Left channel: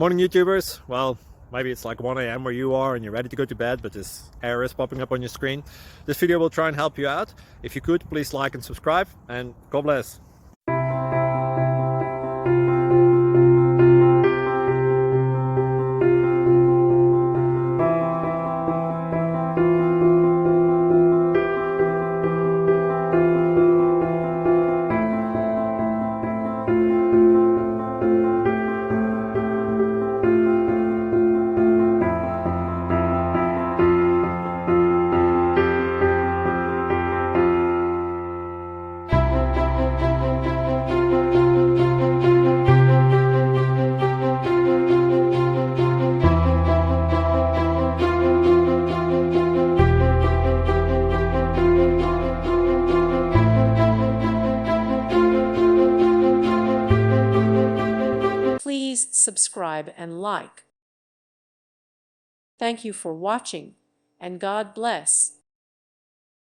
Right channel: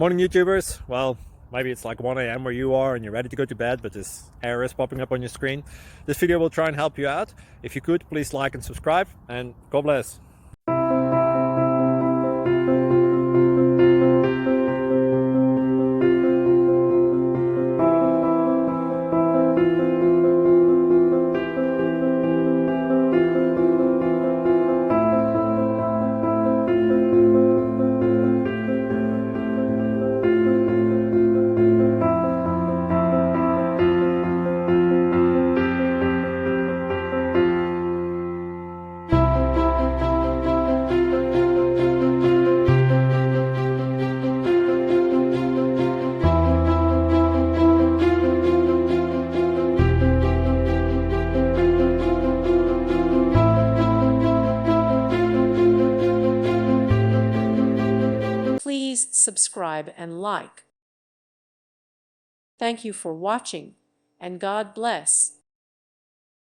Morning YouTubers. Well, maybe it's like 1 a.m. where you are and you're ready to go to bed, but this error is popping up on your screen. This video will try and help you out. If you could, please like and subscribe, and God bless. Please subscribe and like. Thank you for watching, and God bless.